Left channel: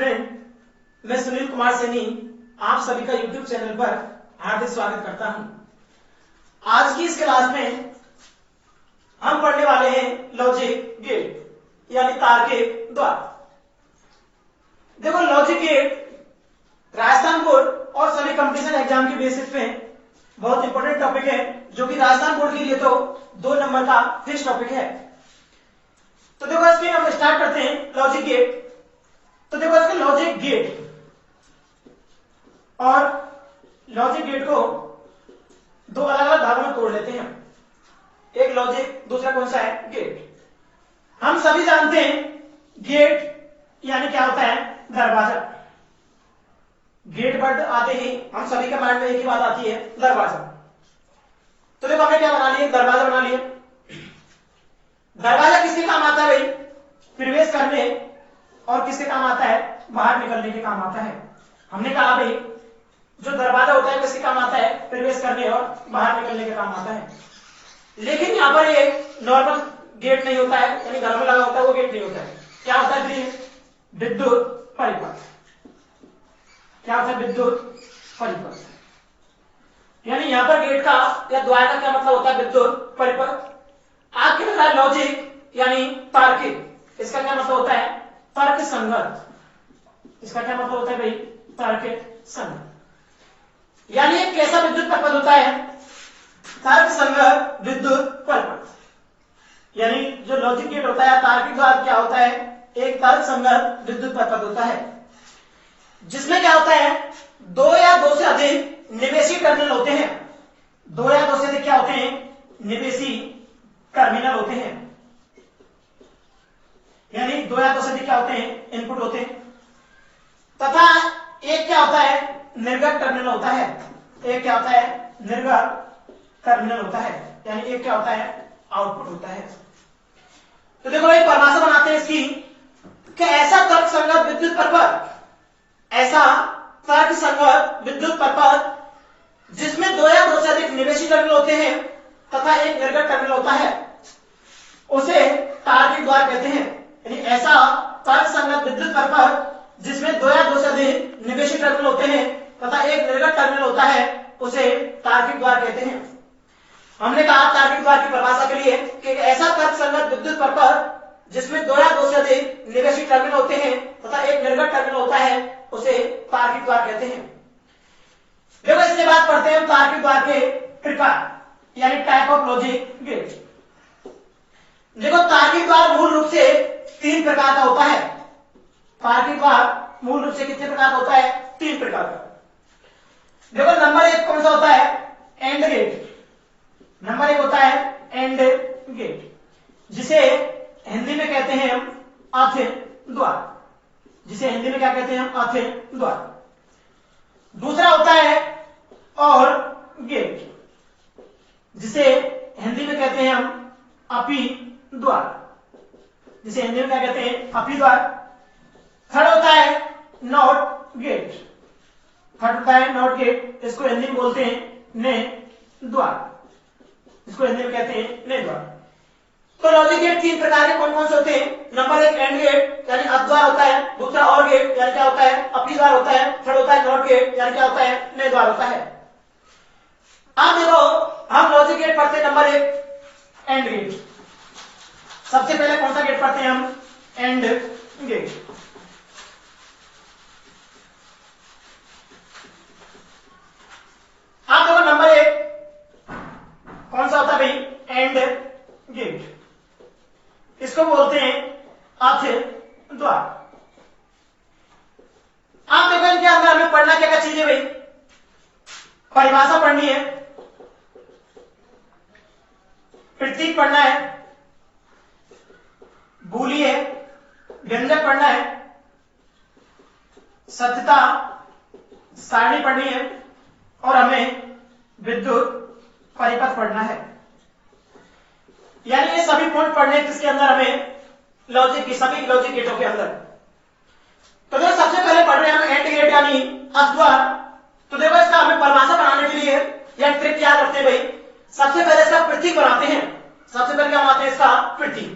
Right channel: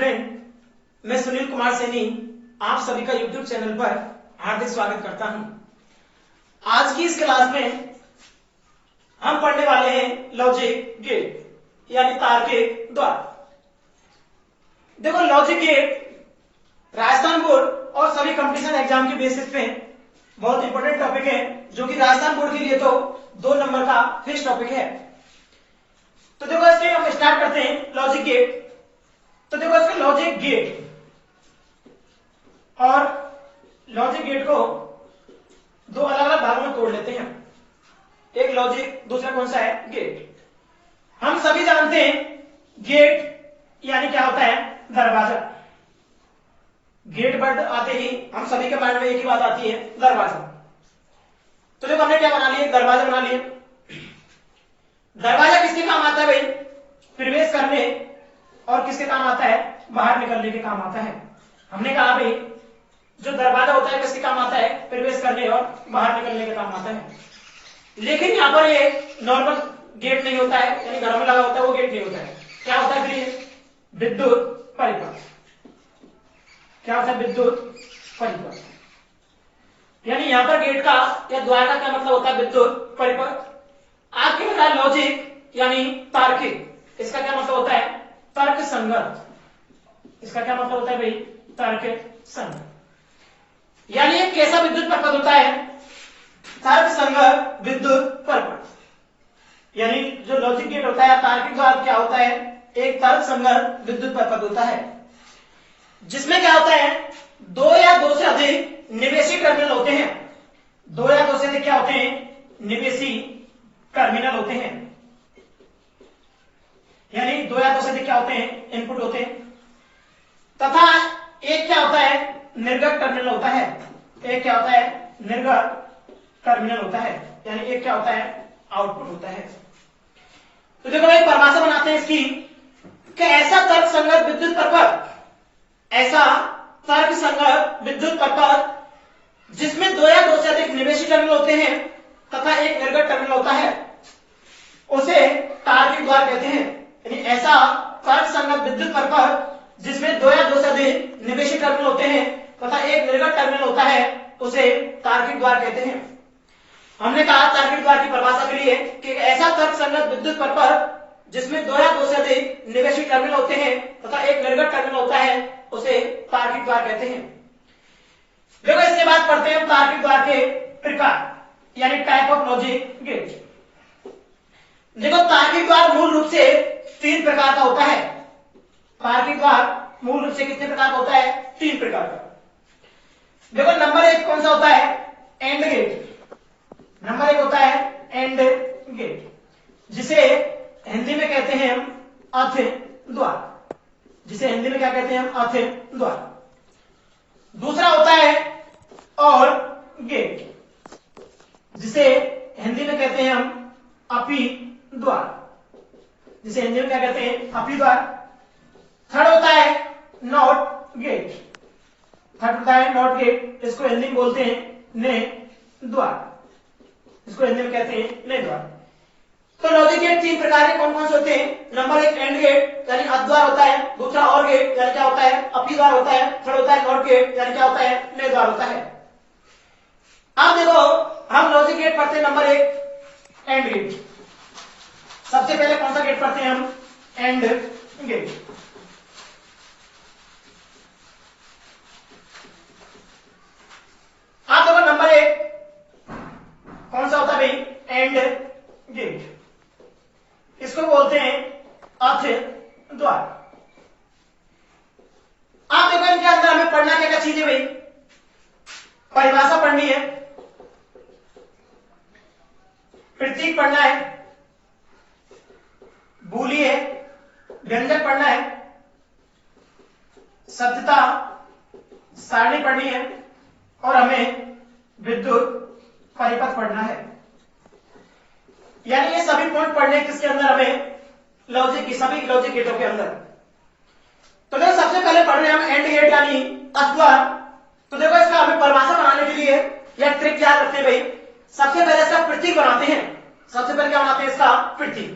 Student, मैं सुनील कुमार सैनी आप सभी का यूट्यूब चैनल पर हार्दिक स्वागत करता हूं। आज की इस क्लास में हम पढ़ने वाले हैं लॉजिक गेट यानी तार्किक द्वार। देखो, लॉजिक गेट राजस्थान बोर्ड और सभी कंपटीशन एग्जाम के बेसिस पे बहुत इंपॉर्टेंट टॉपिक है, जो कि राजस्थान बोर्ड के लिए तो 2 नंबर का फिक्स टॉपिक है। तो देखो, इसके हम स्टार्ट करते हैं लॉजिक गेट। तो देखो, इसके लॉजिक गेट और लॉजिक गेट को 2 अलग अलग भागों में तोड़ लेते हैं। एक लॉजिक, दूसरा कौन सा है? गेट। हम सभी जानते हैं गेट यानी क्या होता है? दरवाजा। गेट वर्ड आते ही हम सभी के माइंड में एक ही बात आती है, दरवाजा। तो देखो, हमने क्या बना लिया? दरवाजा बना लिया। दरवाजा किसके काम आता है भाई? प्रवेश करने, और किसके काम आता है? बाहर निकलने के काम आता है। हमने कहा भाई, जो दरवाजा होता है किसके काम आता है? प्रवेश करने और बाहर निकलने के काम आता है। लेकिन यहाँ पर ये नॉर्मल गेट नहीं होता है, यानी घर में लगा होता है वो गेट नहीं होता है। क्या होता है फिर? विद्युत परिपथ। क्या होता है? विद्युत परिपथ। यानी यहाँ पर गेट का या द्वार का क्या मतलब होता है? विद्युत परिपथ। आपके बताया लॉजिक यानी तार्किक, इसका क्या मतलब होता है? तर्क संगत। इसका क्या मतलब होता है भाई? तर्क संगत। यानी एक कैसा विद्युत परिपथ होता है? तर्क संगत विद्युत परिपथ। यानी जो लॉजिक गेट होता है, तार्किक द्वार क्या होता है? एक तर्क संगत विद्युत परिपथ होता है, जिसमें क्या होता है? 2 या 2 से अधिक निवेशी टर्मिनल होते हैं। 2 या 2 से अधिक क्या होते हैं? निवेशी टर्मिनल होते हैं। यानी 2 या 2 से अधिक क्या होते हैं? इनपुट होते हैं। तथा एक क्या होता है? निर्गत टर्मिनल होता है। एक क्या होता है? निर्गत टर्मिनल होता है। यानी एक क्या होता है? आउटपुट होता है। तो देखो भाई, परिभाषा बनाते हैं इसकी कि ऐसा तर्क संगत विद्युत परिपथ, ऐसा तर्क संगत विद्युत परिपथ जिसमें 2 या 2 से अधिक निवेशी टर्मिनल होते हैं तथा एक निर्गत टर्मिनल होता है, उसे तार्किक द्वार कहते हैं। यानी ऐसा तर्क संगत विद्युत परिपथ जिसमें 2 या 2 से अधिक निवेशी टर्मिनल होते हैं तथा एक निर्गत टर्मिनल होता है, उसे तार्किक द्वार कहते हैं। हमने कहा तार्किक द्वार की परिभाषा के लिए कि ऐसा तर्क संगत विद्युत परिपथ जिसमें 2 या 2 से अधिक निवेशी टर्मिनल होते हैं तथा एक निर्गत टर्मिनल होता है, उसे तार्किक द्वार कहते हैं। देखो, इसके बाद पढ़ते हैं तार्किक द्वार के प्रकार यानी टाइप ऑफ लॉजिक गेट। देखो, तार्किक द्वार मूल रूप से 3 प्रकार का होता है। तार्किक द्वार मूल रूप से कितने प्रकार का होता है? 3 प्रकार का। देखो, नंबर 1 कौन सा होता है? And gate. नंबर 1 होता है एंड गेट, जिसे हिंदी में कहते हैं हम अथ द्वार। जिसे हिंदी में क्या कहते हैं हम? अथ द्वार। दूसरा होता है और गेट, जिसे हिंदी में कहते हैं हम अपी द्वार। जिसे हिंदी में क्या कहते हैं? अपी द्वार। थर्ड होता है नॉट गेट। थर्ड होता है नॉट गेट, इसको हिंदी में बोलते हैं ने द्वार। इसको हिंदी में कहते हैं ने द्वार। तो लॉजिक गेट 3 प्रकार के कौन कौन से होते हैं? नंबर 1 एंड गेट यानी अथ द्वार होता है। दूसरा और गेट यानी क्या होता है? अपी द्वार होता है। थर्ड होता है नॉट गेट यानी क्या होता है? ने द्वार होता है। अब देखो, हम लॉजिक गेट पढ़ते हैं नंबर 1 एंड गेट। सबसे पहले कौन सा गेट पढ़ते हैं हम? And gate. आप देखो, नंबर 1 कौन सा होता है भाई? And gate. इसको बोलते हैं अथ द्वार। आप देखो, इनके अंदर हमें पढ़ना क्या क्या चीजें भाई? परिभाषा पढ़नी है, प्रतीक पढ़ना है, बूली है, व्यंजक पढ़ना है, सत्यता सारणी पढ़नी है, और हमें विद्युत परिपथ पढ़ना है। यानी ये सभी पॉइंट पढ़ने किसके अंदर? हमें लॉजिक की सभी लॉजिक गेटों के अंदर। तो देखो, सबसे पहले पढ़ रहे हैं हम एंड गेट यानी अथ द्वार। तो देखो, इसका हमें परिभाषा बनाने के लिए यह ट्रिक क्या करते हैं भाई? सबसे पहले इसका प्रतीक बनाते हैं। सबसे पहले क्या बनाते हैं? इसका प्रतीक।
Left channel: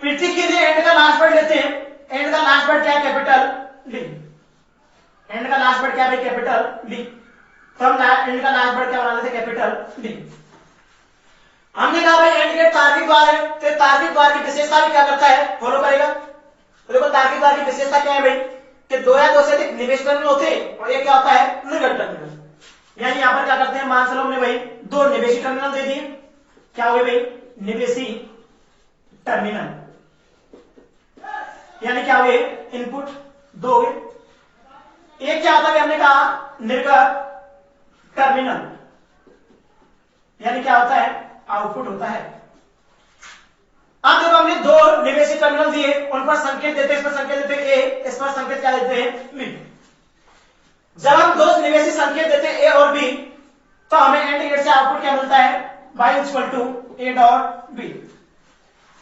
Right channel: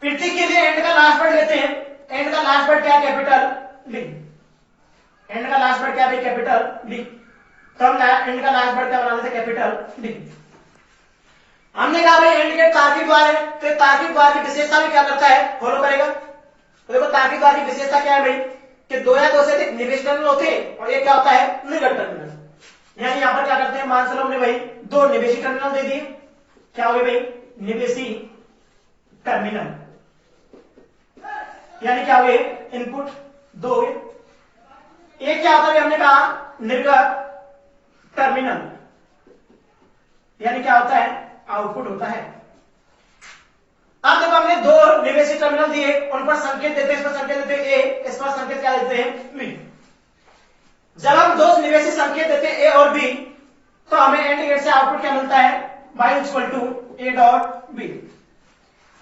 प्रतीक के लिए एंड का लास्ट पढ़ लेते हैं। एंड का लास्ट वर्ड क्या है? Capital D. एंड का लास्ट वर्ड क्या है? Capital D. तो हम एंड का लास्ट वर्ड क्या बना देते? Capital D. हमने कहा भाई एंड गेट तार्किक द्वार है, तो तार्किक द्वार की विशेषता भी क्या करता है? फॉलो करेगा। तो देखो तार्किक द्वार की विशेषता क्या है भाई? कि दो या दो से अधिक निवेश टर्मिनल होते हैं और एक क्या होता है? निर्गत टर्मिनल। यानी यहां पर क्या करते हैं? मान चलो हमने भाई दो निवेशी टर्मिनल दे दिए, क्या हो गए भाई? निवेशी टर्मिनल। यानी क्या हुए? इनपुट दो हो गए। एक क्या होता है? हमने कहा निर्गत टर्मिनल, यानी क्या होता है? आउटपुट होता है। अब देखो हमने दो निवेशी टर्मिनल दिए, उन पर संकेत देते हैं, इस पर संकेत देते हैं ए, इस पर संकेत क्या देते हैं? बी। जब हम दो निवेशी संकेत देते हैं ए और बी, तो हमें एंड गेट से आउटपुट क्या मिलता है? y equal to A dot B.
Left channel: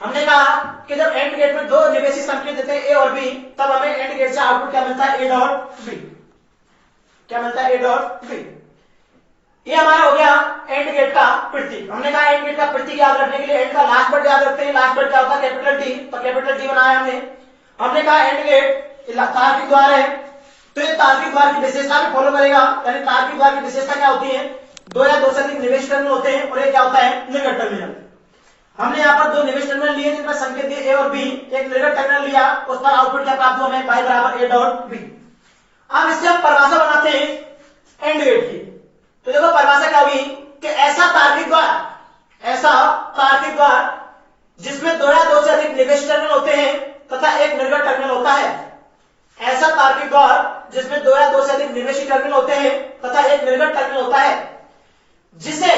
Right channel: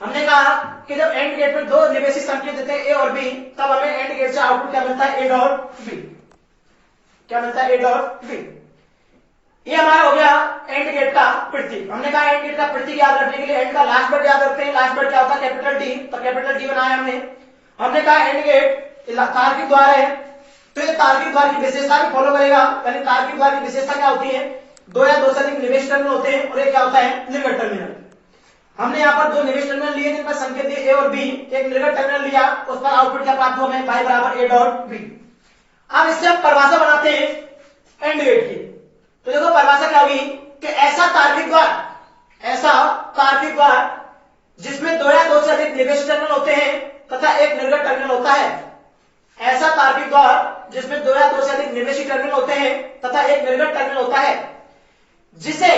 हमने कहा कि जब एंड गेट में दो निवेशी संकेत देते हैं ए और बी, तब हमें एंड गेट से आउटपुट क्या मिलता है? A dot B. क्या मिलता है? A dot B. ये हमारा हो गया एंड गेट का प्रतीक। हमने कहा एंड गेट का प्रतीक याद रखने के लिए एंड का लास्ट वर्ड याद रखते हैं। लास्ट वर्ड क्या होता है? Capital D. तो कैपिटल डी बनाया हमने कहा एंड गेट तार्किक द्वार है, तो ये तार्किक द्वार की विशेषता भी फॉलो करेगा। यानी तार्किक द्वार की विशेषता क्या होती है? दो या दो से अधिक निवेश टर्मिनल होते हैं और एक क्या होता है? निर्गत टर्मिनल। हमने यहाँ पर दो निवेश टर्मिनल लिए जिनका संकेत दिए ए और बी, एक निर्गत टर्मिनल लिया, उस पर आउटपुट क्या प्राप्त हुआ? y बराबर ए डॉट बी। अब इससे हम परिभाषा बनाते हैं एंड गेट की। तो देखो परिभाषा क्या हुई कि ऐसा तार्किक द्वार जिसमें दो या दो से अधिक निवेश टर्मिनल होते हैं तथा एक निर्गत टर्मिनल होता है। ऐसा तार्किक द्वार जिसमें दो या दो से अधिक निवेशी टर्मिनल होते हैं तथा एक निर्गत टर्मिनल होता है, जिसे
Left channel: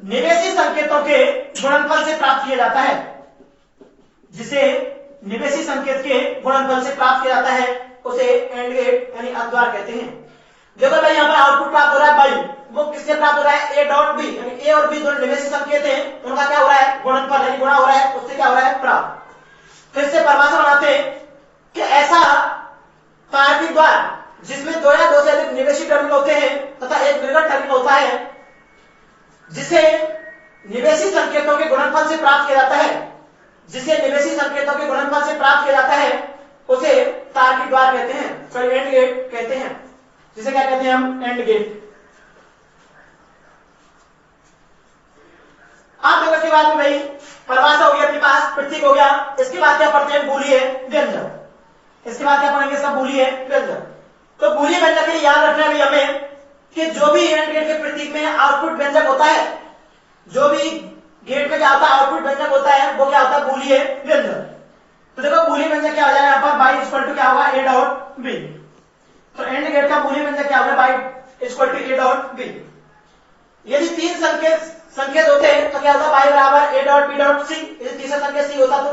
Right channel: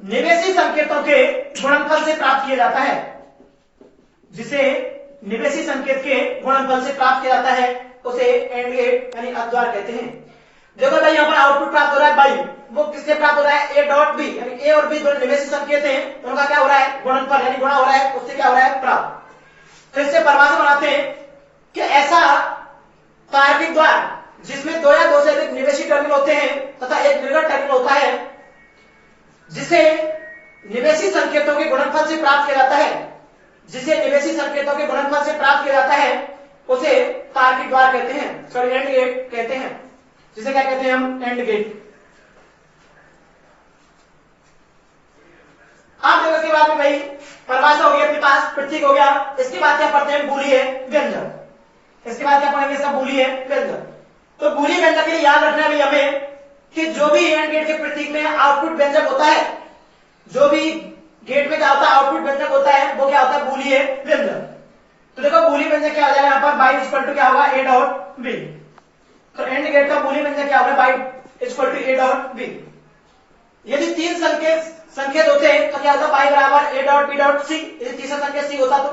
निवेशी संकेतों के गुणनफल से प्राप्त किया जाता है। जिसे निवेशी संकेत के गुणनफल से प्राप्त किया जाता है उसे एंड गेट यानी अद्वार कहते हैं। देखो भाई यहाँ पर आउटपुट प्राप्त हो रहा है बाई, वो किससे प्राप्त हो रहा है? A dot B. यानी ए और बी दोनों निवेशी संकेत हैं, उनका क्या हो रहा है? गुणनफल यानी गुणा हो रहा है, उससे क्या हो रहा है? प्राप्त। फिर से परिभाषा बनाते हैं कि ऐसा तार्किक द्वार जिसमें दो या दो से अधिक निवेशी टर्मिनल होते हैं तथा एक निर्गत टर्मिनल होता है, जिसे निवेशी संकेतों के गुणनफल से प्राप्त किया जाता है, जिसे निवेशी संकेतों के गुणनफल से प्राप्त किया जाता है उसे तार्किक द्वार कहते हैं, सॉरी एंड गेट कहते हैं। जिसे क्या कहते हैं हम? And gate. आप देखो इसके बाद में भाई परिभाषा हो गया, अपने पास प्रतीक हो गया। इसके बाद क्या पढ़ते हैं? बूलियन व्यंजक। इसके बाद क्या पढ़ेंगे? इसका बूलियन व्यंजक। तो बूलियन व्यंजक के लिए याद रखना है भाई हमें कि जो भी एंड गेट के प्रतीक में आउटपुट व्यंजक होता है, जो भी गेट में क्या होता है? आउटपुट व्यंजक होता है, वो क्या होता है? बूलियन व्यंजक। तो देखो बूलियन व्यंजक क्या हो जाएगा यहाँ पर? y इक्वल टू क्या होगा? A dot B. तो एंड गेट का बूलियन व्यंजक क्या होगा? y equal to A dot B. यदि तीन संकेत होते हैं तो क्या होता है? y बराबर A dot B dot C. यदि तीसरा संकेत सी होता तो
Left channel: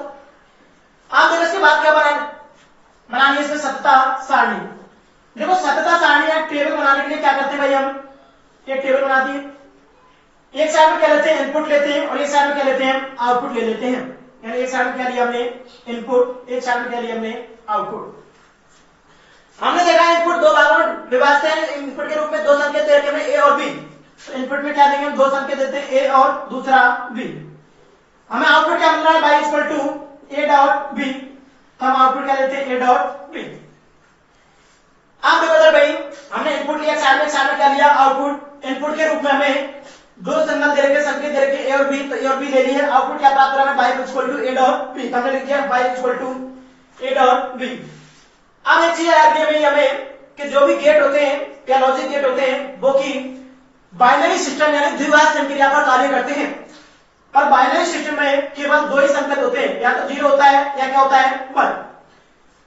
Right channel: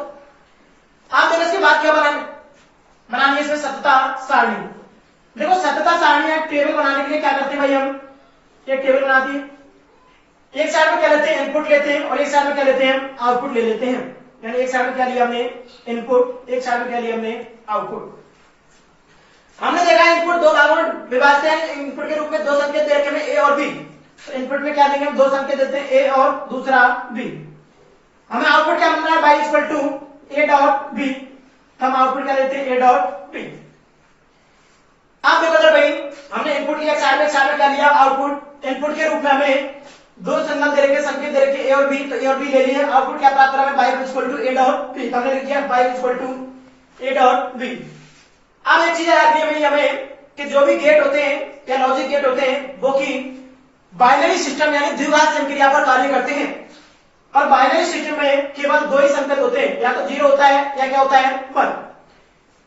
आप देखो इसके बाद क्या बनानी है? इसमें सतता सारणी। देखो सतता सारणी आप टेबल बनाने के लिए क्या करते हैं भाई? हम एक टेबल बनाती है, एक साइड में क्या लेते हैं? इनपुट लेते हैं और एक साइड में क्या लेते हैं? आउटपुट ले लेते हैं। यानी एक साइड में क्या लिया हमने? इनपुट, एक साइड में क्या लिया हमने? आउटपुट। हमने देखा इनपुट दो भागों में विभाजित है। इनपुट के रूप में दो संकेत दे रखे हैं ए और बी। तो इनपुट में क्या देंगे हम? दो संकेत देते हैं ए और दूसरा बी। हमें आउटपुट क्या मिल रहा है? Y equal to A dot B. हम आउटपुट क्या लेते हैं? A dot B. आप देखो भाई हमने इनपुट लिया, एक साइड में क्या लिया? आउटपुट। इनपुट के रूप में हमें दो सिग्नल दे रखे, संकेत दे रखे ए और बी, तो ए और बी ले लिए। आउटपुट क्या प्राप्त हो रहा है? Y equal to A dot B. हमने लिख दिया Y equal to A dot B. अब एक चीज याद रखनी है हमें कि जो भी गेट होते हैं या लॉजिक गेट होते हैं वो की बाइनरी सिस्टम यानी द्विघात संक्रिया पर कार्य करते हैं। और बाइनरी सिस्टम में केवल दो ही संकेत होते हैं, या तो जीरो होता है या क्या होता है? 1।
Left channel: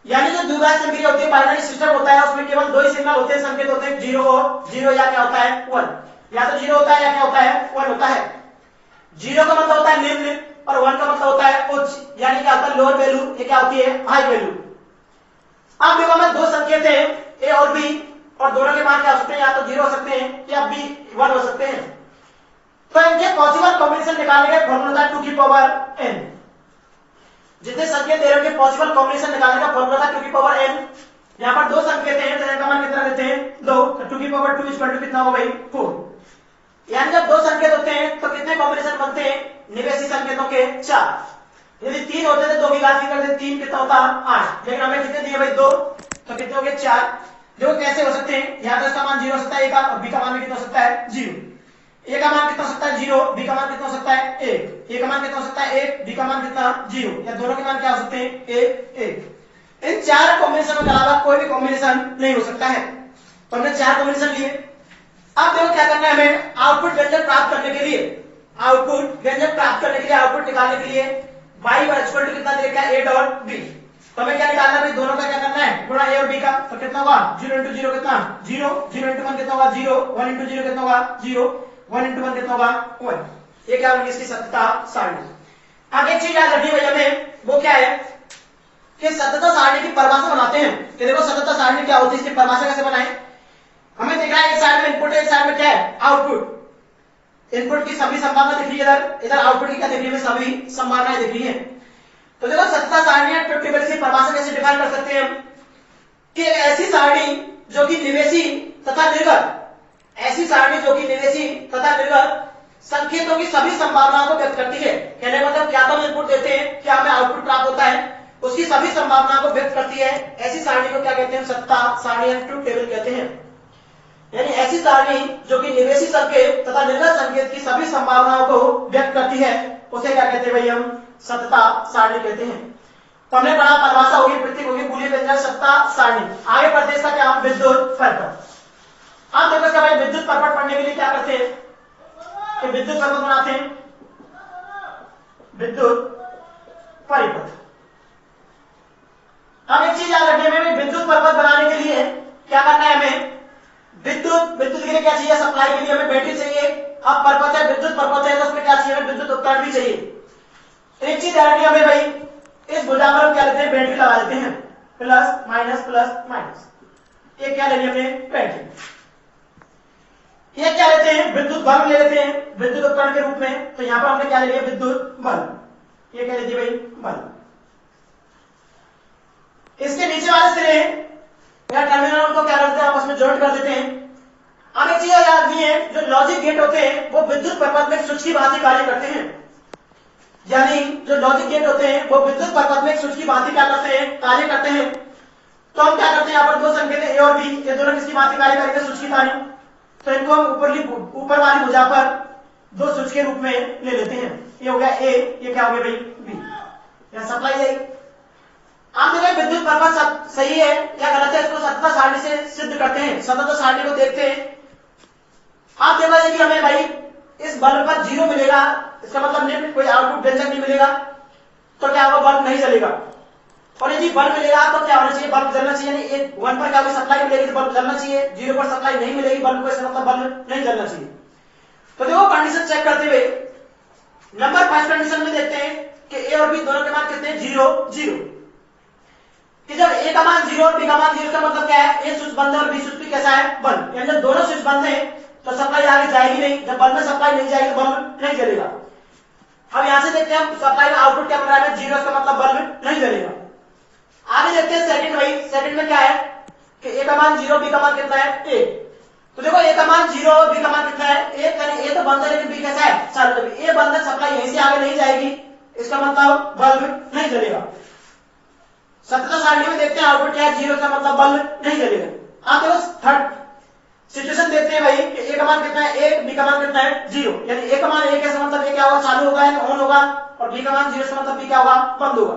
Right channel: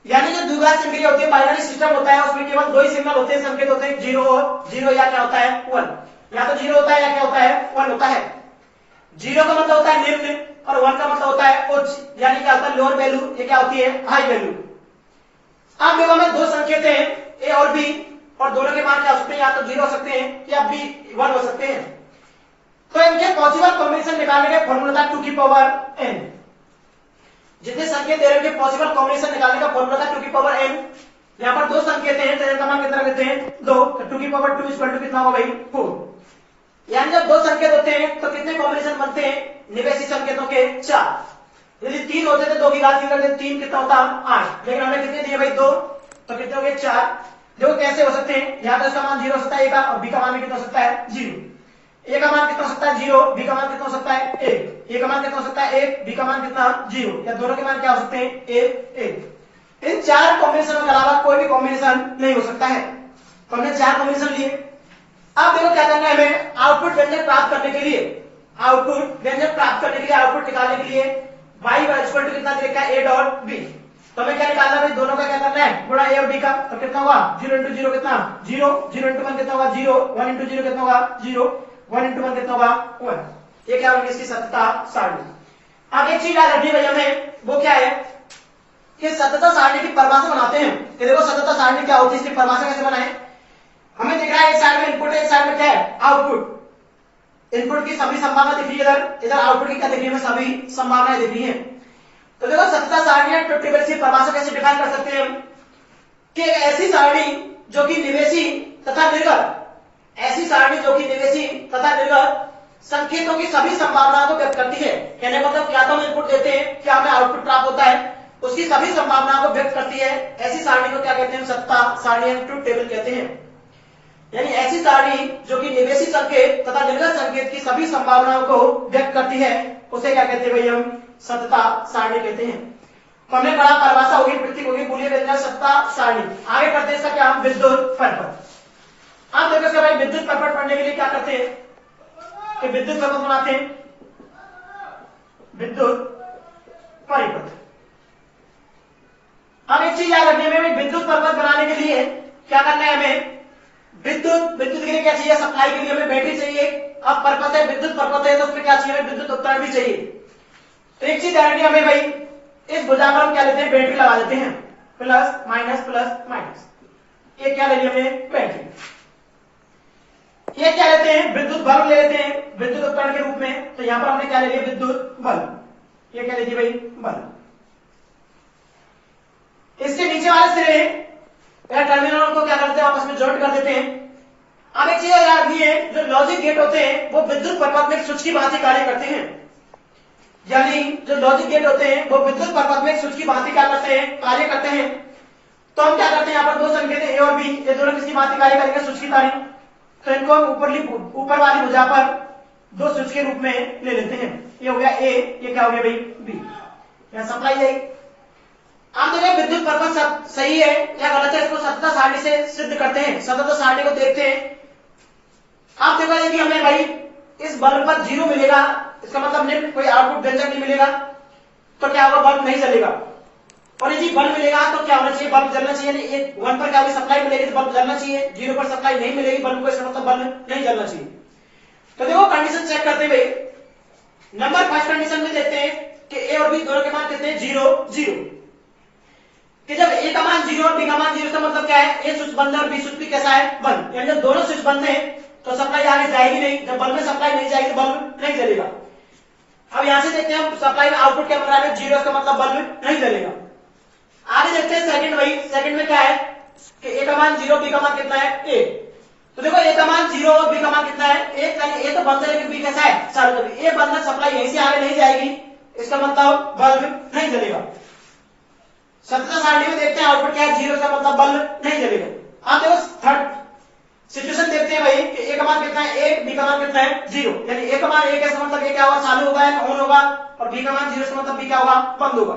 यानी जो द्विघात संक्रिया होती है, बाइनरी सिस्टम होता है, उसमें केवल दो ही सिग्नल होते हैं, संकेत होते हैं, जीरो और जीरो, या क्या होता है? 1। या तो जीरो होता है या क्या होता है? 1 होता है। जीरो का मतलब होता है निम्न और 1 का मतलब होता है उच्च, यानी क्या होता है? लोअर वैल्यू, ये क्या होती है? High value. अब देखो हमें दो संकेत है ए और बी, और दोनों के मान क्या हो सकते हैं? या तो जीरो हो सकते हैं या बी 1 हो सकते हैं। तो इनके पॉसिबल कॉम्बिनेशन निकालने का फॉर्मूला था 2 की पावर n। जितने संकेत दे रहे हैं पॉसिबल कॉम्बिनेशन निकालने का फॉर्मूला था 2 की पावर n। यहाँ पर दो संकेत हैं तो इनका मान कितना लेते हैं? 2। 2 की पावर 2 इक्वल टू कितना होगा भाई? 4। यानी जब दो संकेत होते हैं तो कितने कॉम्बिनेशन बनते हैं? निवेशी संकेतों के 4। यदि 3 होते थे 2 की घात की करते 3 कितना होता 8, लेकिन हमने कितने दिए भाई 2, तो कितने हो गए 4। देखो कैसे हो सकते हैं, यहाँ तो इसका मान 0 हो सकता है ए का, और बी का मान भी कितना हो सकता है 0। ए का मान कितना हो सकता है 0, बी का मान कितना हो सकता है 1, ए का मान कितना हो सकता है 1, बी का मान कितना 0, या दोनों के मान क्या हो सकते हैं 1 1। इन 4 कॉम्बिनेशनों के अलावा कोई भी कॉम्बिनेशन नहीं हो सकता है। तो हमने 4 कॉम्बिनेशन लिए। अब देखो क्या करना है हमें, आउटपुट व्यंजक प्राप्त करने के लिए, आउटपुट व्यंजक प्राप्त करने के लिए, आउटपुट निकालने के लिए y इक्वल टू कितना दे रखा है a डॉट b। तो हमें क्या निकालना है भाई, दोनों का क्या करना है गुणा a और b का। तो कितना होगा 0 इंटू 0 कितना 0, 0 इंटू 1 कितना होगा 0, 1 इंटू 0 कितना होगा 0, 1 इंटू 1 कितना होगा 1। ये क्या होगी इसकी सततता सारणी। अब एक चीज याद रखनी भाई हमें, वो क्या है कि सततता सारणी की परिभाषा बनाते हैं। कि देखो सततता सारणी क्या होती है, इसकी परिभाषा कैसे बनाए। हमें दिख रहा है एक साइड में इनपुट है, एक साइड में क्या है आउटपुट। इनपुट की सभी संभावना दिख रही है, इधर आउटपुट की क्या दिख रही है, सभी संभावनाएं दिख रही है। तो देखो सततता सारणी ट्रुथ टेबल की परिभाषा कैसे डिफाइन कर सकते हैं हम, कि ऐसी सारणी जो कि निवेशी तथा निर्गत, ऐसी सारणी जो कि निवेशी तथा निर्गत संकेतों की सभी संभावनाओं को व्यक्त करती है। कहने का मतलब क्या तो हम इनपुट देते हैं, क्या हमें आउटपुट प्राप्त होता है, उसकी सभी संभावनाओं को व्यक्त करती है। ऐसी सारणी को क्या कहते हैं, सततता सारणी ट्रुथ टेबल कहते हैं। यानी ऐसी सारणी जो कि निवेशी संकेत तथा निर्गत संकेत की सभी संभावनाओं को व्यक्त करती है, उसे क्या कहते हैं भाई हम सततता सारणी कहते हैं। तो हमने पढ़ा परिभाषा होगी, प्रतीक होगी, बुलियन व्यंजक, सततता सारणी। आगे बढ़ते इसका क्या हम विद्युत परिपथ। आप देखो इसका भाई विद्युत परिपथ पढ़ने के लिए क्या करते हैं कि विद्युत परिपथ बनाते हैं, विद्युत परिपथ। अब एक चीज याद रखने में, विद्युत परिपथ बनाने के लिए क्या करना है हमें, विद्युत के लिए क्या चाहिए, सप्लाई के लिए हमें बैटरी चाहिए। अब परिपथ है, विद्युत परिपथ है, तो उसमें क्या चाहिए, विद्युत उपकरण भी चाहिए। तो एक चीज याद रखनी हमें भाई, इस भुजा पर हम क्या लेते हैं, बैटरी लगा देते हैं, प्लस माइनस। ये क्या लेनी हमें, बैटरी। ये क्या लेते हैं, विद्युत बल्ब ले लेते हैं विद्युत उपकरण के रूप में। तो यहां पर हमने क्या ले लिया, विद्युत बल्ब। ये क्या लेती है भाई, बल्ब। इसके नीचे वाले सिरे या टर्मिनल को क्या करते हैं, आपस में जॉइंट कर देते हैं। अब एक चीज याद रखनी है, जो लॉजिक गेट होते हैं वो विद्युत परिपथ में स्विच की भांति कार्य करते हैं। यानी जो लॉजिक गेट होते हैं वो विद्युत परिपथ में स्विच की भांति क्या करते हैं, कार्य करते हैं। तो हम क्या करते हैं, यहाँ पर दो संकेत ए और बी, ये दोनों किसकी भांति कार्य करेंगे, स्विच की तारी। तो इनको हम ऊपर वाली भुजा पर दो स्विच के रूप में ले लेते हैं। ये हो गया ए, ये क्या हो गया भाई बी, या सप्लाई है। आप देखो विद्युत परिपथ सही है या गलत है, इसको सततता सारणी से सिद्ध करते हैं, सततता सारणी को देखते हैं। आप देखा कि हमें भाई इस बल्ब पर 0 मिलेगा, इसका मतलब निम्न कोई आउटपुट व्यंजक नहीं मिलेगा, तो क्या होगा, बल्ब नहीं जलेगा। और यदि बल्ब मिलेगा तो क्या होना चाहिए, बल्ब जलना चाहिए। यानी 1 पर क्या होगी, सप्लाई मिलेगी तो बल्ब जलना चाहिए, 0 पर सप्लाई नहीं मिलेगी बल्ब को, इसका मतलब बल्ब नहीं जलना चाहिए। तो देखो कंडीशन चेक करते हुए नंबर फर्स्ट कंडीशन में देखते हैं कि ए और बी दोनों के मान कितने, 0 0। कि जब ए का मान 0 और बी का मान 0, का मतलब क्या है, ए स्विच बंद है और बी स्विच भी कैसा है, बंद। यानी जब दोनों स्विच बंद है तो सप्लाई आगे जाएगी नहीं, जब बल्ब में सप्लाई नहीं जाएगी तो बल्ब नहीं जलेगा। अब यहां से देखते हैं हम सप्लाई में आउटपुट क्या बन रहा है, 0, इसका मतलब बल्ब नहीं जलेगा। आगे देखते हैं सेकंड, वही सेकंड में क्या है कि ए का मान 0, बी का मान कितना है 1। तो देखो ए का मान 0 और बी का मान कितना है 1, यानी ए तो बंद है लेकिन बी कैसा है चालू है। ए बंद है, सप्लाई यहीं से आगे नहीं जाएगी, इसका मतलब बल्ब नहीं जलेगा। सततता सारणी में देखते हैं आउटपुट क्या है, 0, का मतलब बल्ब नहीं जलेगा। आप देखो थर्ड सिचुएशन देखते हैं भाई कि ए का मान कितना है 1, बी का मान कितना है 0। यानी ए का मान 1 है, मतलब ए क्या होगा, चालू होगा या ऑन होगा, और बी का मान 0 का मतलब बी क्या होगा, बंद होगा।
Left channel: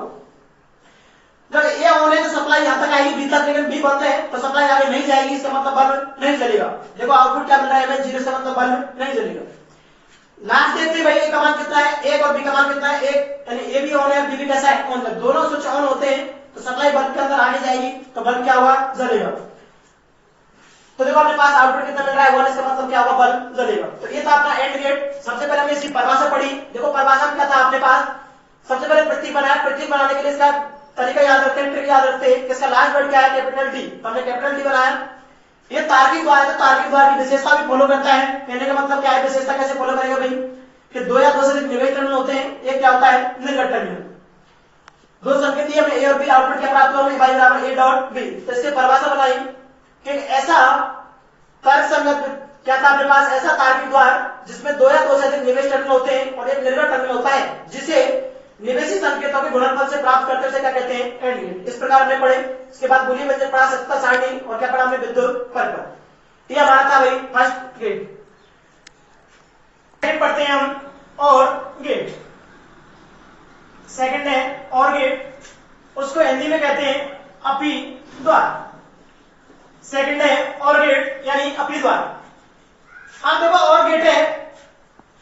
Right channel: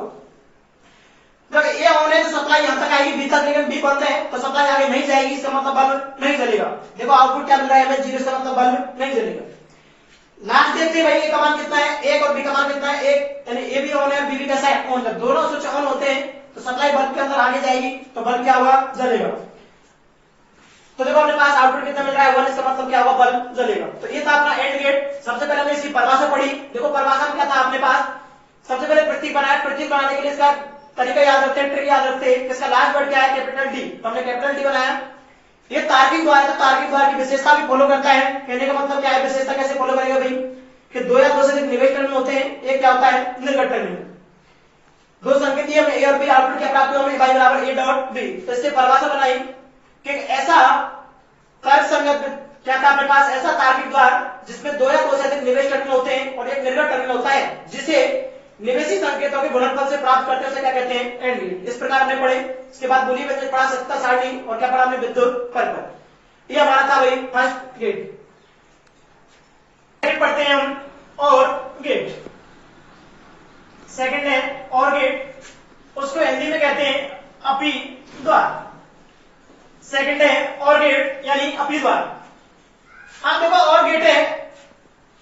जब ए ऑन है तो सप्लाई यहां तक आएगी बी तक, लेकिन बी बंद है तो सप्लाई आगे नहीं जाएगी, इसका मतलब बल्ब नहीं जलेगा। देखो आउटपुट क्या मिल रहा है, 0 का मतलब बल्ब नहीं जलेगा। लास्ट देखते हैं भाई ए का मान कितना है 1 और बी का मान कितना है 1, यानी ए भी ऑन है बी भी कैसा है ऑन। जब दोनों स्विच ऑन होते हैं तो सप्लाई बल्ब के अंदर आगे जाएगी तो बल्ब क्या होगा, जलेगा। तो देखो अपने पास आउटपुट कितना मिल रहा है 1, इसका मतलब क्या होगा, बल्ब जलेगा। तो ये था अपना एंड गेट। सबसे पहले हमने इसकी परिभाषा पढ़ी। देखो परिभाषा में क्या था अपने पास, सबसे पहले प्रतीक बनाया। प्रतीक बनाने के लिए इसका तरीका याद रखते हैं, ट्रिक याद रखते हैं। इसका लास्ट वर्ड क्या है, कैपिटल डी। तो हमने कैपिटल डी बनाया। ये तार्किक द्वार है, तो तार्किक द्वार की विशेषता भी फॉलो करता है। कहने का मतलब क्या है, विशेषता कैसे फॉलो करेगा भाई, कि 2 या 2 से अधिक निवेश टर्मिनल होते हैं, एक क्या होता है, निर्गत टर्मिनल। दो संकेत दिए हमने ए और बी, आउटपुट क्या प्राप्त हुआ, y बराबर a डॉट b। तो इससे परिभाषा बनाई कि ऐसा तर्क संगत क्या था अपने पास, ऐसा तार्किक द्वार जिसमें 2 या 2 से अधिक निवेश टर्मिनल होते हैं और एक निर्गत टर्मिनल होता है, जिसे निवेशी संकेतों के गुणनफल से प्राप्त करते हैं, क्या कहते हैं, एंड गेट। इस प्रकार हमने पढ़े। इसके बाद बूलियन व्यंजक पढ़ा, सत्ता सारणी, और क्या पढ़ा हमने, विद्युत परिपथ। ये हमारा था भाई फर्स्ट गेट। पढ़ते हैं हम और गेट। सेकंड है और गेट, उसको हिंदी में कहते हैं अपी द्वार। सेकंड है और गेट यानी अपी द्वार। अब देखो और गेट है,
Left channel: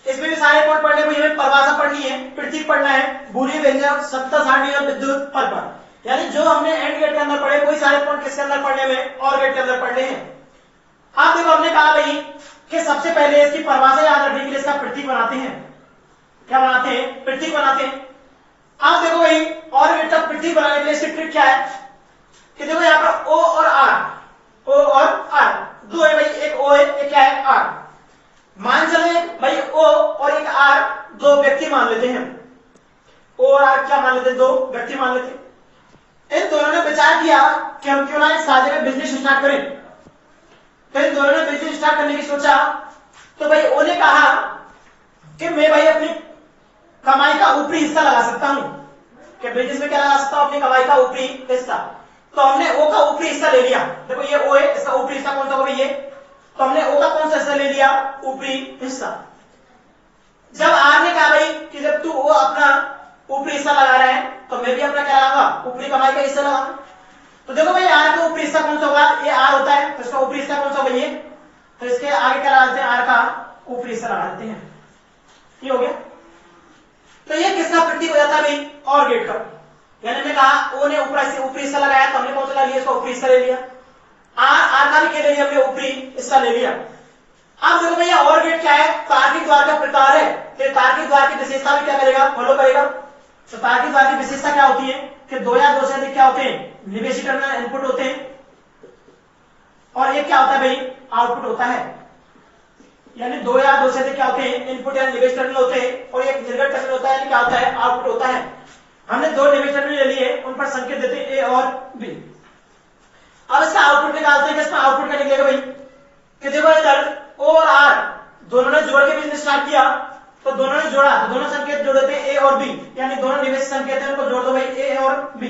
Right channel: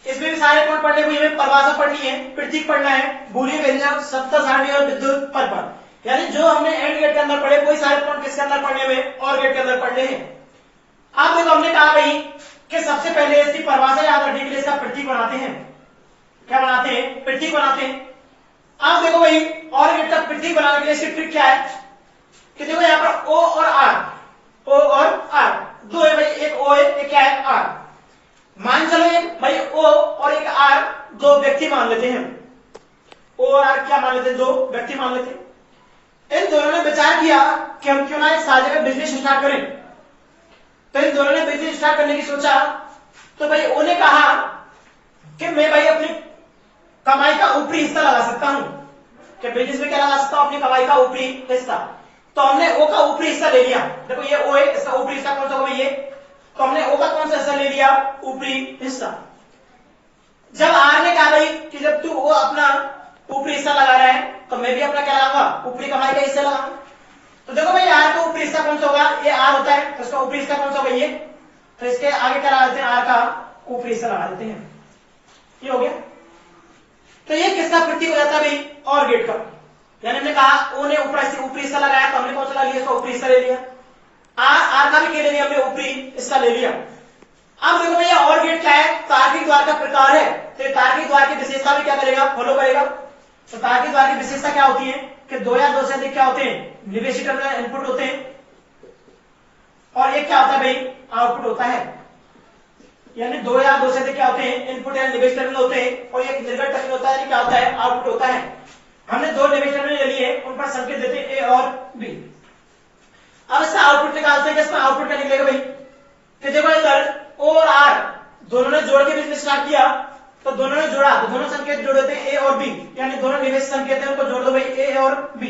इसमें भी सारे पॉइंट पढ़ने को, हमें परिभाषा पढ़नी है, प्रतीक पढ़ना है, बूलियन व्यंजक, सत्ता सारणी और विद्युत परिपथ। यानी जो हमने एंड गेट के अंदर पढ़े वही सारे पॉइंट किसके अंदर पढ़ने में, और गेट के अंदर पढ़ने हैं। अब देखो हमने कहा भाई कि सबसे पहले इसकी परिभाषा याद रखने के लिए इसका प्रतीक बनाते हैं। क्या बनाते हैं, प्रतीक बनाते हैं। अब देखो भाई और गेट का प्रतीक बनाने के लिए इसकी ट्रिक क्या है कि देखो यहां पर ओ और आर, ओ और आर दो है भाई, एक ओ है एक क्या है, आर। मान चले भाई ओ और एक आर दो व्यक्ति मान लेते हैं। ओ और आर क्या मान लेते हैं, दो व्यक्ति मान लेते हैं। इन दोनों ने विचार किया कि हम क्यों ना एक साझे में बिजनेस स्टार्ट करें। तो इन दोनों ने बिजनेस स्टार्ट करने की सोचा। तो भाई ओ ने कहा कि मैं भाई अपनी कमाई का ऊपरी हिस्सा लगा सकता हूं, कि बिजनेस में क्या लगा सकता हूं, अपनी कमाई का ऊपरी हिस्सा। तो हमने ओ का ऊपरी हिस्सा ले लिया। देखो ये ओ है, इसका ऊपरी हिस्सा कौन सा होगा, ये। तो हमने ओ का कौन सा हिस्सा ले लिया, ऊपरी हिस्सा। जब आर ने कहा भाई कि जब तू वो अपना ऊपरी हिस्सा लगा रहा है तो मैं भी अपना क्या लगाऊंगा, ऊपरी कमाई का हिस्सा लगाऊंगा। तो देखो भाई आर का ऊपरी हिस्सा कौन सा होगा, ये आर होता है, तो इसका ऊपरी हिस्सा कौन सा होगा, ये। तो इसके आगे क्या लगा देते हैं, आर का ऊपरी हिस्सा लगा देते हैं। ये हो गया। तो ये किसका प्रतीक हो जाता है भाई, और गेट का। यानी हमने कहा ओ ने ऊपरी हिस्सा लगाया तो हमने कौन सा लगा लिया, इसका ऊपरी हिस्सा ले लिया। आर का भी क्या ले लिया हमने, ऊपरी हिस्सा ले लिया। अब देखो भैया और गेट क्या है, तार्किक द्वार का प्रकार है। तो तार्किक द्वार की विशेषता भी क्या करेगा, फॉलो करेगा। तो तार्किक द्वार की विशेषता क्या होती है कि दो या दो से अधिक क्या होते हैं, निवेशी टर्मिनल इनपुट होते हैं, और एक क्या होता है भाई, आउटपुट होता है। यानी दो या दो से अधिक क्या होते हैं, इनपुट या निवेश टर्मिनल होते हैं, और एक निर्गत टर्मिनल होता है, क्या होता है, आउटपुट होता है। हमने दो निवेश टर्मिनल ले लिए, उन पर संकेत देते हैं ए और बी। अब इसका आउटपुट निकालते हैं कि इसमें आउटपुट क्या निकलेगा भाई, कि देखो इधर ओ और आर दोनों ने जोड़ के बिजनेस स्टार्ट किया, तो दोनों ने जोड़ा, तो दोनों संकेत जोड़ देते हैं ए और बी, यानी दोनों निवेश संकेत हैं, उनको जोड़ दो भाई ए और बी।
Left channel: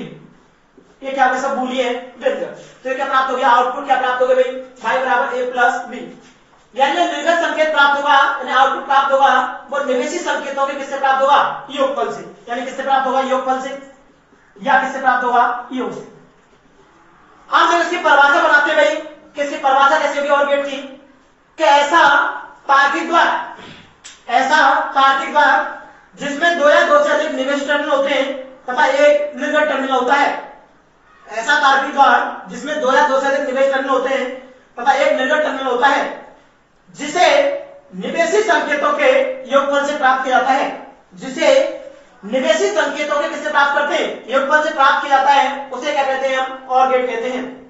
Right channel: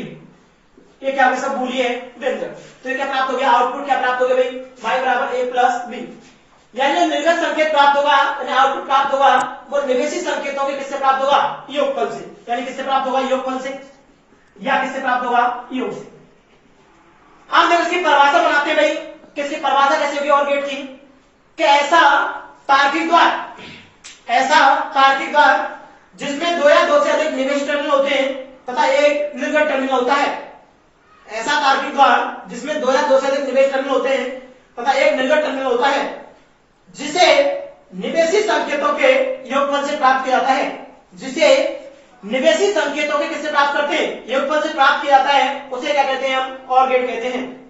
ये क्या होगा, सब बूलियन व्यंजक। तो ये क्या प्राप्त हो गया, आउटपुट क्या प्राप्त हो गया भाई, बराबर ए प्लस बी। यानी जो निर्गत संकेत प्राप्त होगा, यानी आउटपुट प्राप्त होगा, वो निवेशी संकेतों के किससे प्राप्त होगा, योगफल से। यानी किससे प्राप्त होगा, योगफल से, या किससे प्राप्त होगा, योग से। हम जब इसकी परिभाषा बनाते हैं भाई, किसकी परिभाषा कैसे होगी और गेट की, कि ऐसा तार्किक द्वार जिसमें दो या दो से अधिक निवेश टर्मिनल होते हैं तथा एक निर्गत टर्मिनल होता है। ऐसा तार्किक द्वार जिसमें दो या दो से अधिक निवेश टर्मिनल होते हैं तथा एक निर्गत टर्मिनल होता है, जिसे निवेशी संकेतों के योगफल से प्राप्त किया जाता है। जिसे निवेशी संकेतों के किससे प्राप्त करते हैं, योगफल से प्राप्त किया जाता है, उसे क्या कहते हैं हम, और गेट कहते हैं।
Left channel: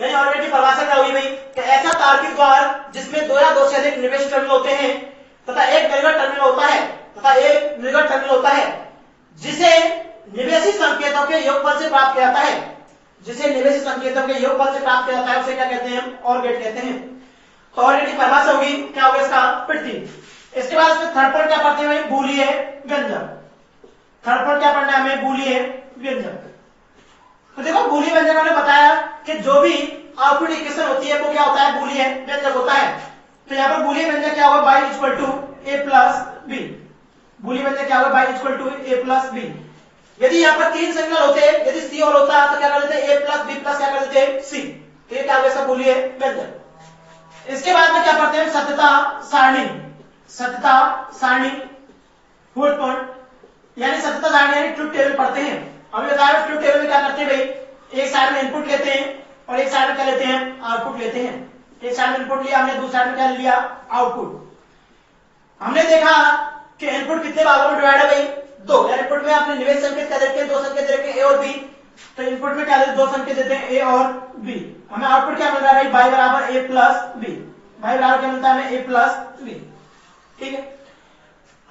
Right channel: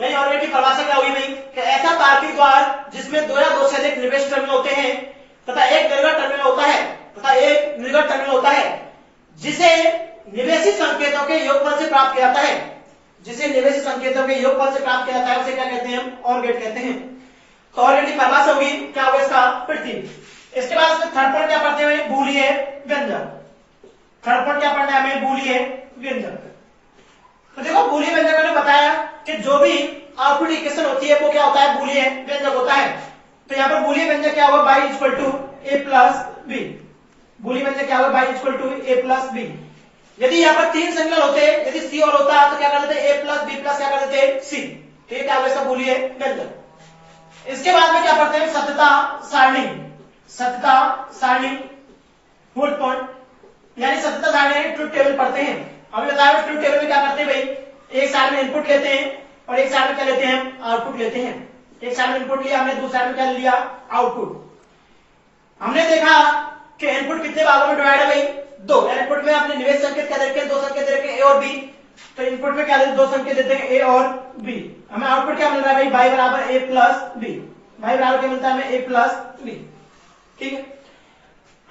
यानी और गेट की परिभाषा क्या होगी भाई, कि ऐसा तार्किक द्वार जिसमें दो या दो से अधिक निवेश टर्मिनल होते हैं तथा एक निर्गत टर्मिनल होता है, जिसे निवेशी संकेतों के योगफल से प्राप्त किया जाता है, उसे क्या कहते हैं, और गेट कहते हैं। तो और गेट की परिभाषा होगी, क्या होगा इसका प्रतीक। इसके बाद इसमें थर्ड पॉइंट क्या पढ़ते हैं, बूलियन व्यंजक। थर्ड पॉइंट क्या पढ़ना है हमें, बूलियन व्यंजक। तो देखो बूलियन व्यंजक मैंने बताया कि जो भी आउटपुट इक्वेशन होती है वो क्या होता है, बूलियन व्यंजक होता है। तो यहाँ पर बूलियन व्यंजक क्या होगा, y equal to A plus B. बूलियन व्यंजक क्या होगा, y equal to A plus B. यदि यहाँ पर तीन सिग्नल होते, यदि सी और होता तो क्या कर देते, ए प्लस बी प्लस क्या कर देते, सी। तो ये क्या होगा इसका बूलियन व्यंजक। इसके बाद में क्या पढ़ते हैं, सत्यता सारणी फुट पॉइंट, यानी सत्यता सारणी यानी ट्रुथ टेबल पढ़ते हैं। अभी बताया ट्रुथ टेबल में क्या करते हैं भाई, एक साइड में इनपुट लेते हैं और एक साइड में क्या लेते हैं, आउटपुट लेते हैं। एक साइड में इनपुट लिया हमने, दूसरी साइड में क्या लिया, आउटपुट। हमने देखा कि इनपुट कितने भागों में डिवाइड है भाई, दो। यानी इनपुट में आपने निवेश संकेत क्या देते हैं, दो संकेत देते हैं ए और बी। तो इनपुट में क्या देते, दो संकेत देते हैं ए और बी। हमें आउटपुट क्या मिल रहा है भाई, y बराबर ए प्लस बी। y बराबर क्या मिलता है हमें, ए प्लस बी। ठीक है।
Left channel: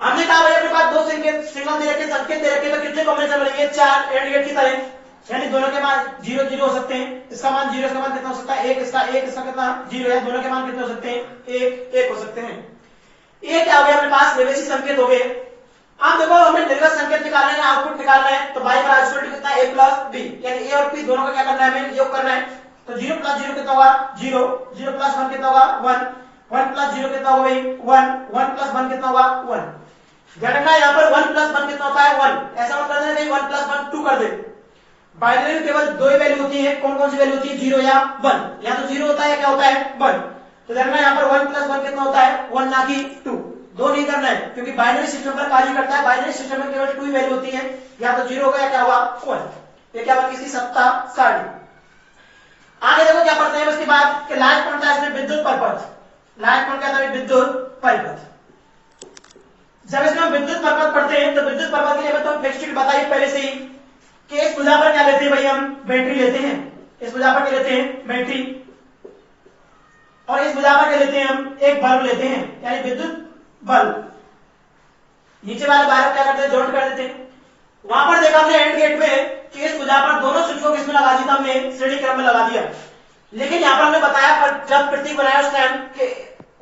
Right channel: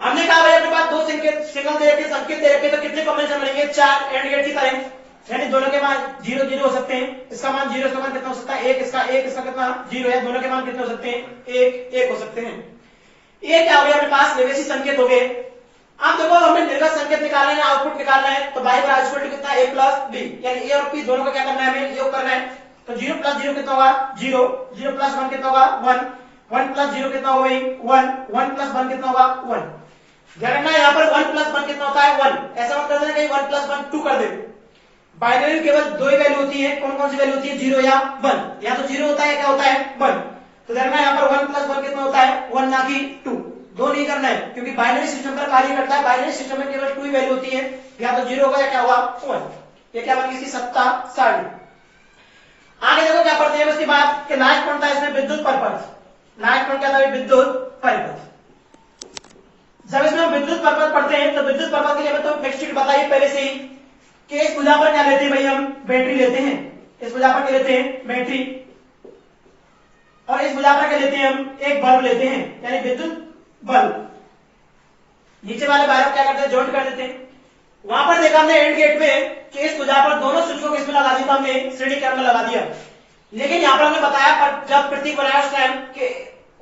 हमने कहा भाई अपने पास दो संकेत सिग्नल दे रखे, संकेत दे रखे, तो कितने कॉम्बिनेशन मिलेंगे, चार एंड गेट की तरह। यानी दोनों के मान 0 0 हो सकते हैं। इसका मान 0, इसका मान कितना हो सकता है, एक, इसका कितना 0 है। दोनों के मान कितने हो सकते हैं, 1 1 हो सकते हैं। ये क्या हो गया अपने पास, निवेशी संकेत हो गए। अब देखो हमें निर्गत संकेत निकालना है, आउटपुट निकालना है, तो बाई बराबर इक्वल टू कितना a प्लस बी, यानी a और p दोनों को क्या करना है, हमें योग करना है। तो 0 प्लस 0 कितना होगा 0, 0 प्लस 1 कितना होगा 1, 1 प्लस 0 कितना होगा 1, 1 प्लस 1 कितना होगा 1। ध्यान रखना यहाँ पर 1 प्लस 1 कितना होता है 1, ऐसा मत कर देना कहीं 1 प्लस 1 2 कर दे। बाइनरी में केवल दो ही वैल्यू होती है, कौन कौन सी वैल्यू होती है 0 या 1, या तो 0 होता है क्या होता है 1। तो ध्यान रखना यहाँ पर 1 प्लस 1 कितना होता है 1 ना कि 2, दो नहीं करना है क्योंकि बाइनरी सिस्टम का कार्य करता है, बाइनरी सिस्टम में केवल 2 ही वैल्यू होती है, या तो 0 होगा या क्या होगा 1। ये क्या होगा किसी सत्ता सारणी। आगे देखो क्या पढ़ते हैं उसके बाद कि लास्ट पढ़ता है इसमें विद्युत परिपथ। लास्ट पढ़ क्या था विद्युत परिपथ। जब इसमें हम विद्युत परिपथ पढ़ते हैं तो विद्युत परिपथ के लिए मैं तो नेक्स्ट बताइए पहले से ही कि इस भुजा पर क्या लेते हैं भाई, हम बैटरी लेते हैं, इस भुजा पर क्या लेते हैं बैटरी, और इस भुजा पर क्या लेते हैं हम एक बल्ब लेते हैं, यानी विद्युत बल्ब। नीचे वाले वायर क्या करते हैं जॉइंट कर देते हैं। वहां पर देखा हमने एंड गेट में कि इस भुजा पर दोनों स्विच को किसमें लगा दिया, हमने श्रेणी क्रम में लगा दिया। लेकिन यहाँ पर हमने बताया पर जब प्रतीक बनाया उस टाइम कि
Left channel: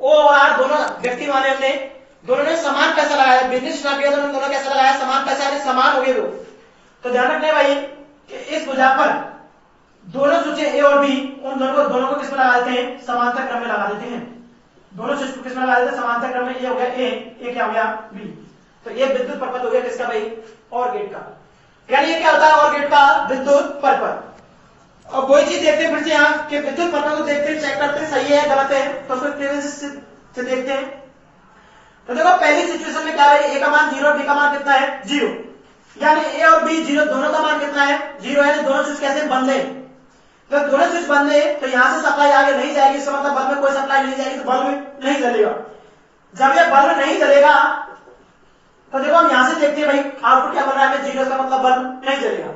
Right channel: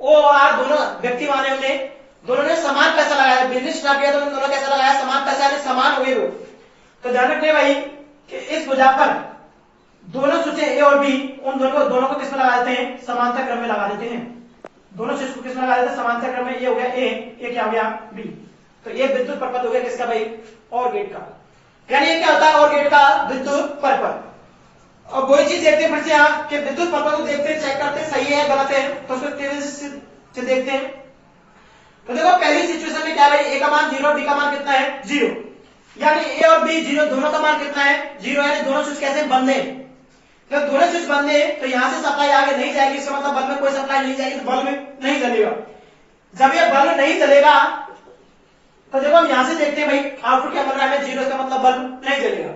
ओ और आर दोनों व्यक्ति माने हमने दोनों ने समान पैसा लगाया, बिजनेस स्टार्ट किया तो उन्होंने दोनों पैसा लगाया, समान पैसा समान हो गए वो। तो ध्यान रखने भाई कि इस भुजा पर दोनों स्विच ए और बी उन दोनों को किसमें लगा देते हैं समांतर क्रम में लगा देते हैं। दोनों स्विच को किसमें लगा देते हैं समांतर क्रम में, ये हो गया ए क्या हो गया बी। तो ये विद्युत परिपथ हो गया किसका भाई और गेट का, यानी ये क्या होता है और गेट का विद्युत परिपथ। और वही चीज देखते हैं फिर से यहाँ कि विद्युत परिपथ को देखते हैं चेक करते हैं सही है गलत है, तो फिर तेजी से देखते हैं। तो देखो पहली सिचुएशन में क्या है ए का मान 0, बी का मान कितना है 0, यानी ए और बी 0 दोनों का मान कितना है 0, यानी दोनों स्विच कैसे बंद है। जब दोनों स्विच बंद है तो यहां से सप्लाई आगे नहीं जाएगी, इसका मतलब बल्ब में कोई सप्लाई नहीं जाएगी, तो बल्ब नहीं जलेगा। जब ये बल्ब नहीं जलेगा तो देखो हम यहां से देखते हैं भाई आउटपुट क्या बन रहा है 0, का मतलब बल्ब नहीं जलेगा।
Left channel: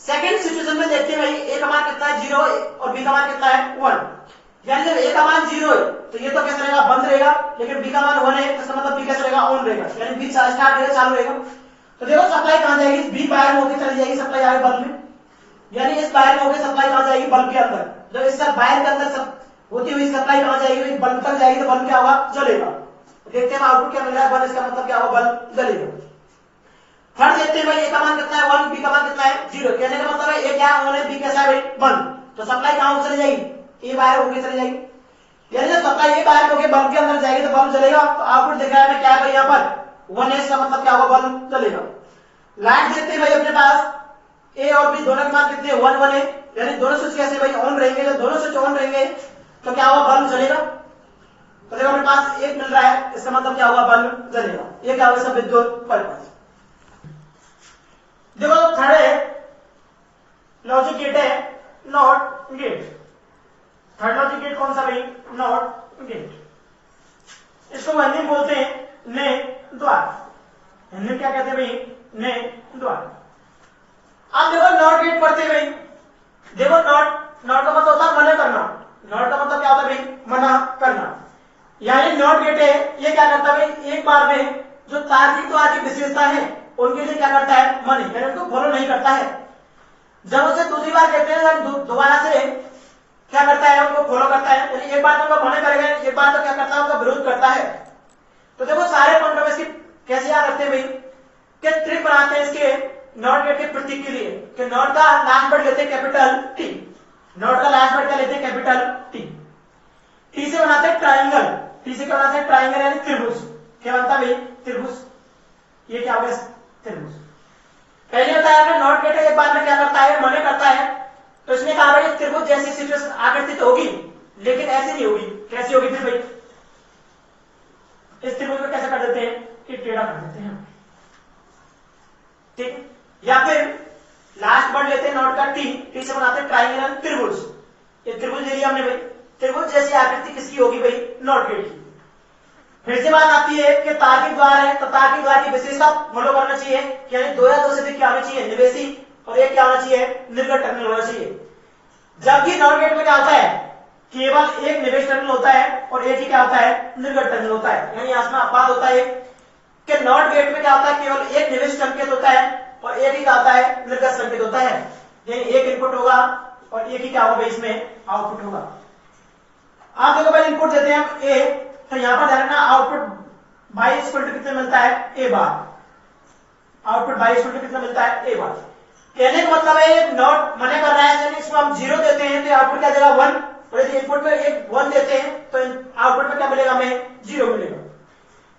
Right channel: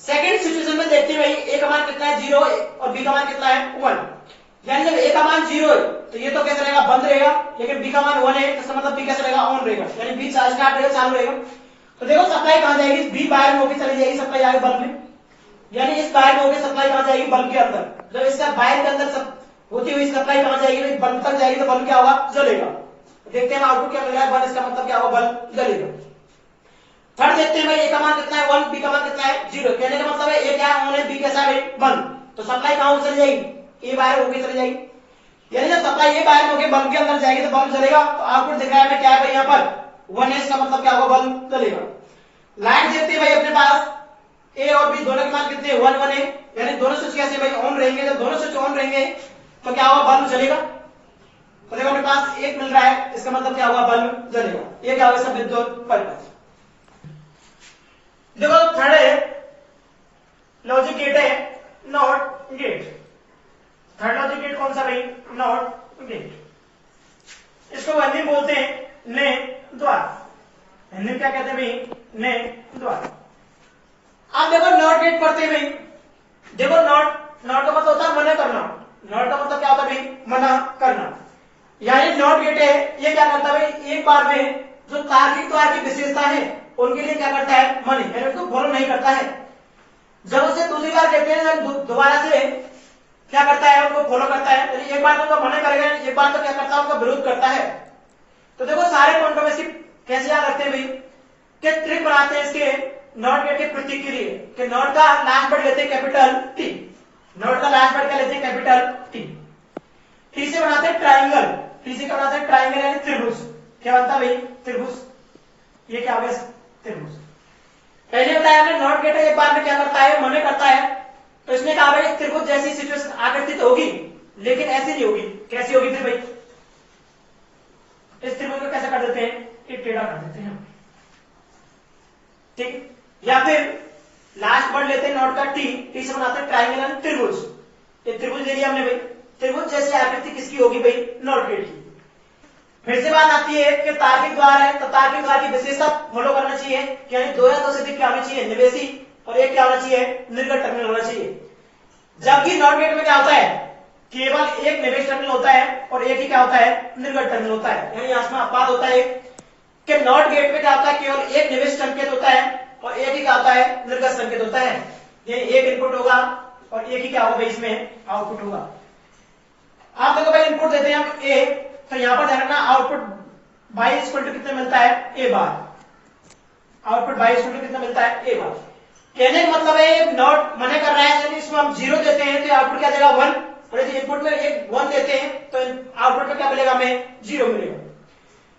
सेकंड सिचुएशन में देखते हैं भाई ए का मान कितना है 0 और बी का मान कितना है 1, यानी जब ए का मान 0 है तो ये तो कैसे रहेगा बंद रहेगा, लेकिन बी का मान 1 है तो इसका मतलब बी कैसे रहेगा ऑन रहेगा, यानी बी स्टार्ट रहेगा चालू रहेगा। तो देखो सप्लाई कहां जाएगी, बी बाहर में होकर चली जाएगी सप्लाई आगे बल्ब में, यानी इस बाहर में होकर सप्लाई कहां जाएगी बल्ब के अंदर। जब इसका बाहर के अंदर सब होती हुई सप्लाई कहां जाएगी बल्ब तक जाएगी तो बल्ब क्या होगा जलेगा। देखते हैं आउटपुट क्या मिल रहा है 1, इसका मतलब क्या होगा बल्ब जलेगा। थर्ड देखते हैं भाई ए का मान कितना है 1, बी का मान कितना है 0, कहने का मतलब है ए क्या ऑन है बी कैसा है बंद, तो सप्लाई कहां चली जाएगी ए बाहर होकर चली जाएगी, यानी जब सप्लाई ए बाहर होकर बल्ब के अंदर जाएगी तो बल्ब जलेगा। तो आउटपुट दिख रहा है क्या है भाई यहाँ पर 1 है, इसका मतलब क्या होगा बल्ब जलेगा। लाइट देखते हैं भाई अपने पास ए और बी दोनों के मान कितने 1 1 है, यानी दोनों स्विच कैसे भाई ऑन रहेंगे, जब दोनों स्विच ऑन रहेंगे तो क्या होगा बल्ब जलेगा। तो देखो अपने पास 1 मिल रहा है, इसका मतलब क्या होगा बल्ब जलेगा। ये क्या होगा इसका विद्युत परिपथ। देखो थर्ड है लॉजिक गेट है not gate. Third logic gate कौन सा भाई नॉट गेट। इसको हिंदी में बोलते हैं ने द्वार, हिंदी में क्या कहते हैं भाई ने द्वार। आप देखो नॉट गेट पढ़ते हैं भाई, देखो नॉट का मतलब होता है मना करना, नॉट का मतलब क्या होता है भाई मना करना, यानी नॉट गेट है ये क्या करता है भाई एक बार में जो तार्किक द्वार की विशेषता है उनके लिए क्या करता है मनी, यानी उनको फॉलो नहीं करता है। जब उसे दूसरी बार कहते हैं दोबारा से क्या करता है उनको फॉलो करता है, यानी एक बार तो उनको मना करेगा, एक बार तो क्या करता है उनका विरोध करता है। तो देखो सारे पॉइंट में कैसे याद रखते हैं भाई कि ट्रिक बनाते हैं इसके नॉट गेट के प्रतीक के लिए कि नॉट का लास्ट वर्ड लेते हैं कैपिटल टी, नॉट का लास्ट वर्ड क्या लेते हैं कैपिटल टी। टी से बनाते हैं ट्राइंगल, टी से क्या बनाते हैं ट्राइंगल यानी त्रिभुज। क्या बनता है भाई त्रिभुज, ये क्या होगा त्रिभुज। पहले बताया हमने नॉट गेट एक बार में क्या करता है मना करता है, तो इसमें कहा भाई त्रिभुज जैसी सिचुएशन आकृति तो होगी लेकिन ऐसी नहीं होगी। कैसी होगी फिर भाई, इस त्रिभुज को कैसे कर देते हैं कि टेढ़ा कर देते हैं, ठीक। या फिर लास्ट वर्ड लेते हैं नॉट का टी, टी से बनाते हैं ट्राइंगल त्रिभुज। ये त्रिभुज ले लिया हमने भाई, त्रिभुज जैसी आकृति किसकी होगी भाई नॉट गेट की। फिर से बात आती है कि तार्किक द्वार है तो तार्किक द्वार की विशेषता फॉलो करना चाहिए, यानी 2 या 2 से अधिक क्या होना चाहिए निवेशी और एक क्या होना चाहिए निर्गत टर्मिनल होना चाहिए। जबकि नॉट गेट में क्या होता है केवल एक निवेश टर्मिनल होता है और एक ही क्या होता है निर्गत टर्मिनल होता है, यानी आसमान अपवाद होता है कि नॉट गेट में क्या होता है केवल एक निवेश संकेत होता है और एक ही क्या होता है निर्गत संकेत होता है, यानी एक इनपुट होगा और एक ही क्या होगा इसमें आउटपुट होगा। आप देखो भाई इनपुट देते हैं हम ए, तो यहां पर ध्यान रखना आउटपुट बाई इक्वल टू कितने मिलता है ए बार, आउटपुट बाई स्टूडेंट कितना मिलता है, एक बार। कहने का मतलब है ये नॉट मना कर रहा है, यानी इसमें हम 0 देते हैं तो आउटपुट क्या देगा 1, और यदि इनपुट में एक 1 देते हैं तो आउटपुट में क्या मिलेगा हमें, 0 मिलेगा।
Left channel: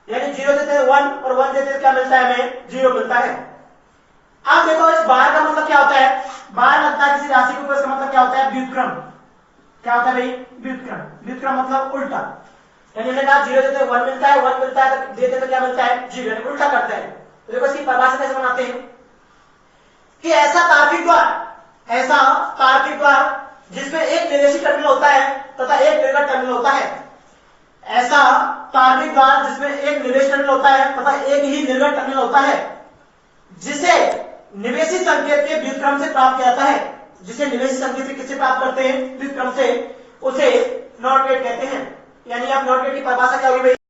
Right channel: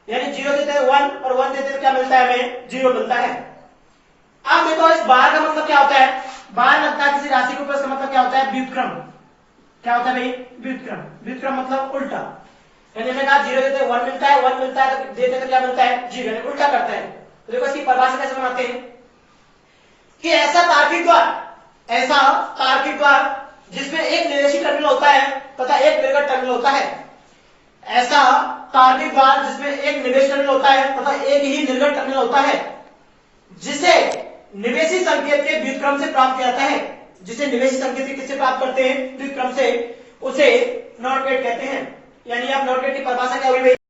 यानी 0 देते हैं 1 और 1 देते हैं क्या मिलता है हमें, 0 मिलता है। अब देखो इस बार का मतलब क्या होता है, बार लगता है किसी राशि के ऊपर, इसका मतलब क्या होता है, व्युत्क्रम। क्या होता है भाई, व्युत्क्रम। व्युत्क्रम मतलब उल्टा, यानी मैंने कहा 0 देते हैं 1 मिलता है, 1 मिलता है तो देते तो क्या मिलता है, 0, यानी उल्टा करता है। तो देखो इसकी परिभाषा कैसे बनाते हैं कि ऐसा तार्किक द्वार जिसमें एक निवेशी टर्मिनल होता है तथा एक निर्गत टर्मिनल होता है, ऐसा तार्किक द्वार जिसमें एक निवेश टर्मिनल होता है तथा एक ही निर्गत टर्मिनल होता है, जिसे निवेशी संकेत के व्युत्क्रम से प्राप्त किया जाता है, जिसे निवेशी संकेत किससे प्राप्त करते हैं, व्युत्क्रम से, उसे नॉट गेट कहते हैं। यानी आप नॉट गेट की परिभाषा क्या होगी भाई,